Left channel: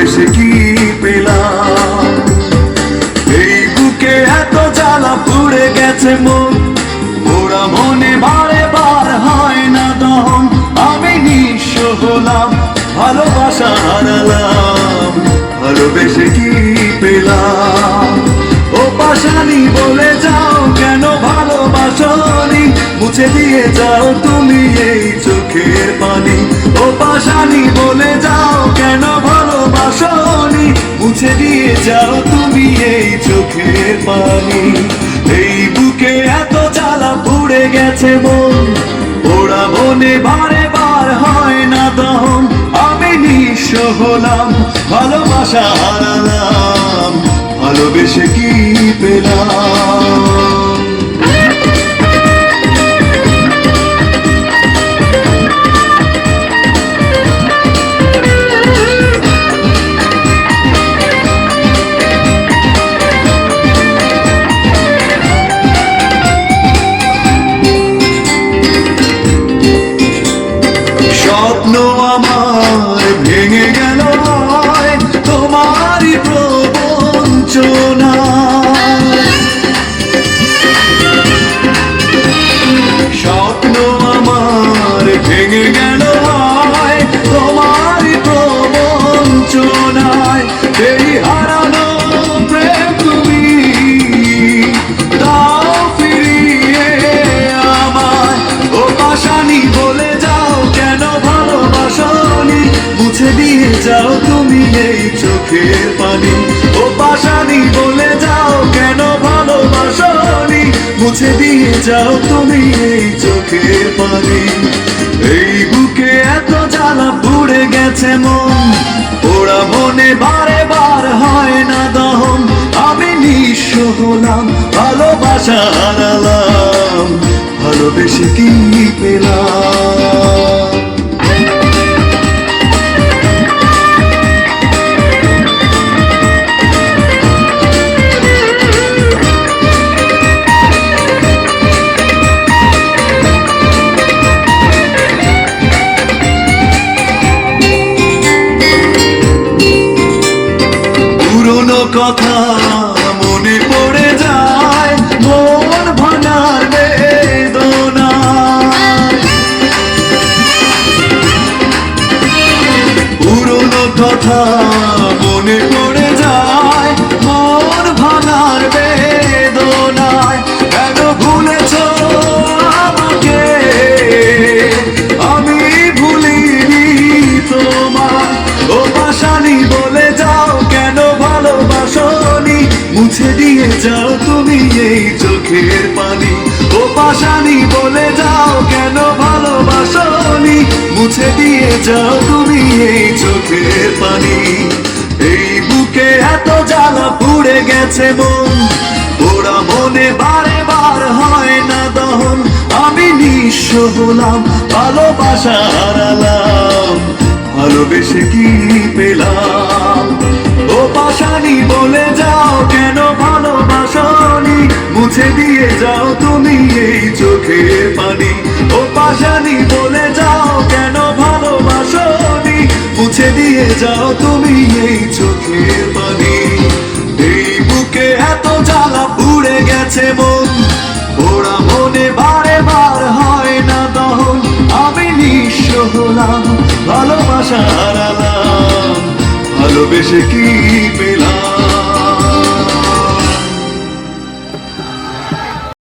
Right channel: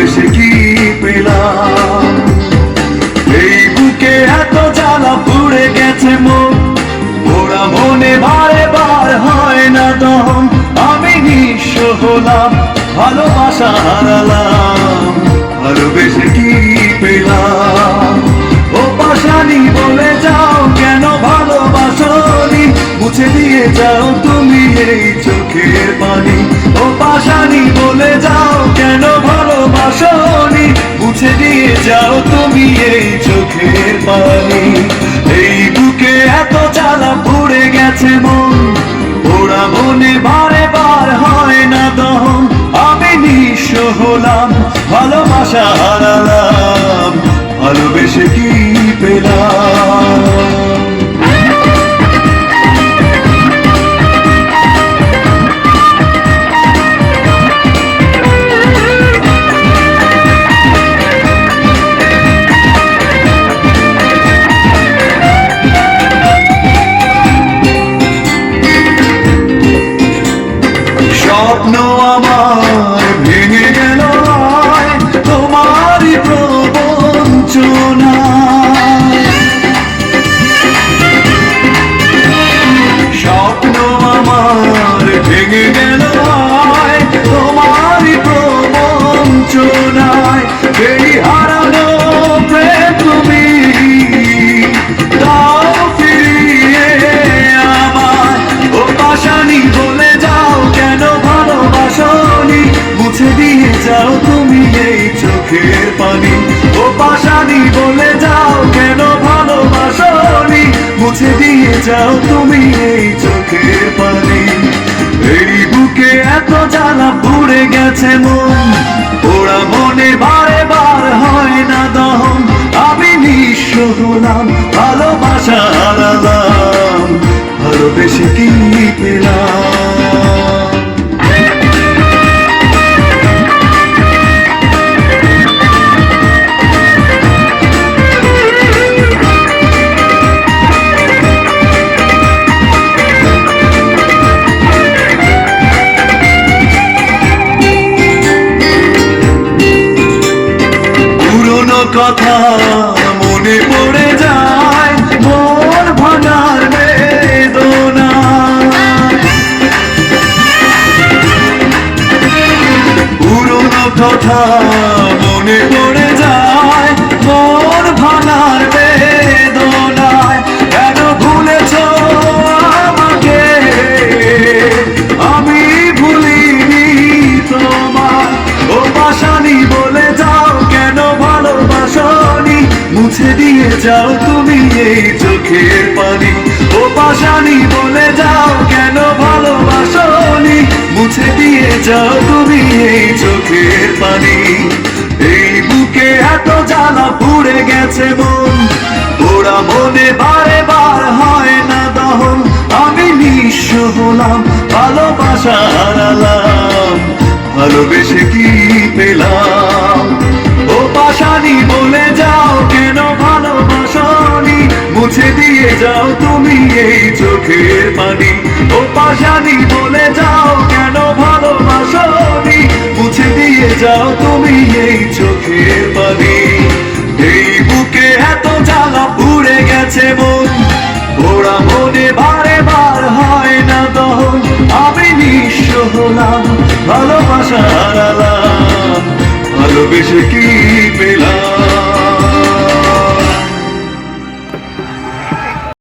ভালোবেসে কি পেলাম। এই বুকে এত জ্বালা পুড়ে গেছে মন, ওরা মনে বারে বার হয় না দম। আমি নিঃস্ব হলাম, ভালোবাসা হারালাম, ভালোবেসে কি পেলাম। ও পাশানি বলে যাও কেন ভালোবাসনি, মুছে দিয়ে যাও তুমি এই চোখের পানি। ও পাশানি বলে যাও কেন ভালোবাসনি, মুছে দিয়ে যাও তুমি এই চোখের পানি। এই বুকে এত জ্বালা পুড়ে গেছে মন, ওরা মনে বারে বার হয় না দম। আমি নিঃস্ব হলাম, ভালোবাসা হারালাম, ভালোবেসে কি পেলাম। স্বপ্ন আমার ভেঙে গেল তোমারই প্রবঞ্চনায়। স্বপ্ন আমার ভেঙে গেল তোমারই প্রবঞ্চনায়। এই হারানো প্রেম তুমি দাও ফিরিয়ে আমার। ও পাশানি বলে যাও কেন ভালোবাসনি, মুছে দিয়ে যাও তুমি এই চোখের পানি। ও পাশানি বলে যাও কেন ভালোবাসনি, মুছে দিয়ে যাও তুমি এই চোখের পানি। এই বুকে এত জ্বালা পুড়ে গেছে মন, ওরা মনে বারে বার হয় না দম। আমি নিঃস্ব হলাম, ভালোবাসা হারালাম, ভালোবেসে কি পেলাম। পুরনো কথা মনে পড়ে যায়, মন ভাঙার বেদনা। পুরনো কথা মনে পড়ে যায়, মন ভাঙার বেদনায়। কেন ভুলেছ আমাকে, আমি ভুলিনি তোমার। ও পাশানি বলে যাও কেন ভালোবাসনি, মুছে দিয়ে যাও তুমি এই চোখের পানি। ও পাশানি বলে যাও কেন ভালোবাসনি, মুছে দিয়ে যাও তুমি এই চোখের পানি। এই বুকে এত জ্বালা পুড়ে গেছে মন, ওরা মনে বারে বার হয় না দহন। আমি নিঃস্ব হলাম, ভালোবাসা হারালাম, ভালোবেসে কি পেলাম। ও পাশানি বলে যাও কেন ভালোবাসনি, মুছে দিয়ে যাও তুমি এই চোখের পানি। ও পাশানি বলে যাও কেন ভালোবাসনি, মুছে দিয়ে যাও তুমি এই চোখের পানি। এই বুকে এত জ্বালা পুড়ে গেছে মন, ওরা মনে বারে বার হয় না দহন। আমি নিঃস্ব হলাম, ভালোবাসা হারালাম, ভালোবেসে কি পেলাম।